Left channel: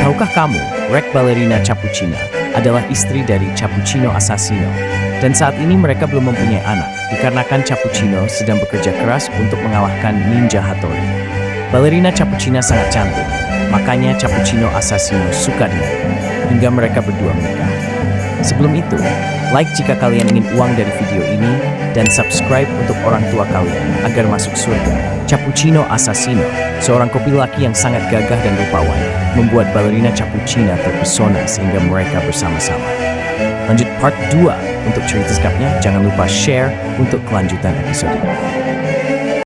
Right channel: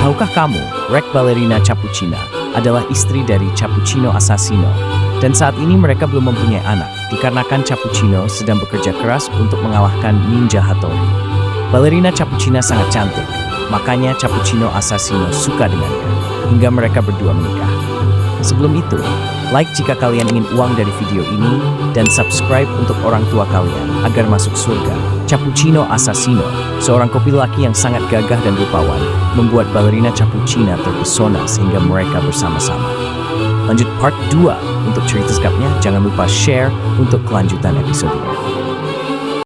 Tahukah kamu, Rek Ballerina Cappuccina adalah istri dari Cappuccino Assassino. Dan saat ini mereka belum mempunyai anak, dikarenakan Cappuccino sedang bekerja keras untuk mengalahkan Ninja Hattori. Ballerina Cappuccina sangat cantik, makanya Cappuccino Assassino suka dengannya, hingga mereka berdua menikah. Sebelum itu, like jika kalian ingin uang dari video ini, dan subscribe untuk orang tua kalian agar masuk surga. Cappuccino Assassino, seorang kopi laki yang sangat gagah dan rupawan, membuat Ballerina Cappuccina terpesona sehingga mereka bersama-sama. Lanjut part 2 untuk cerita selengkapnya, jangan lupa share untuk kelanjutan episode ini.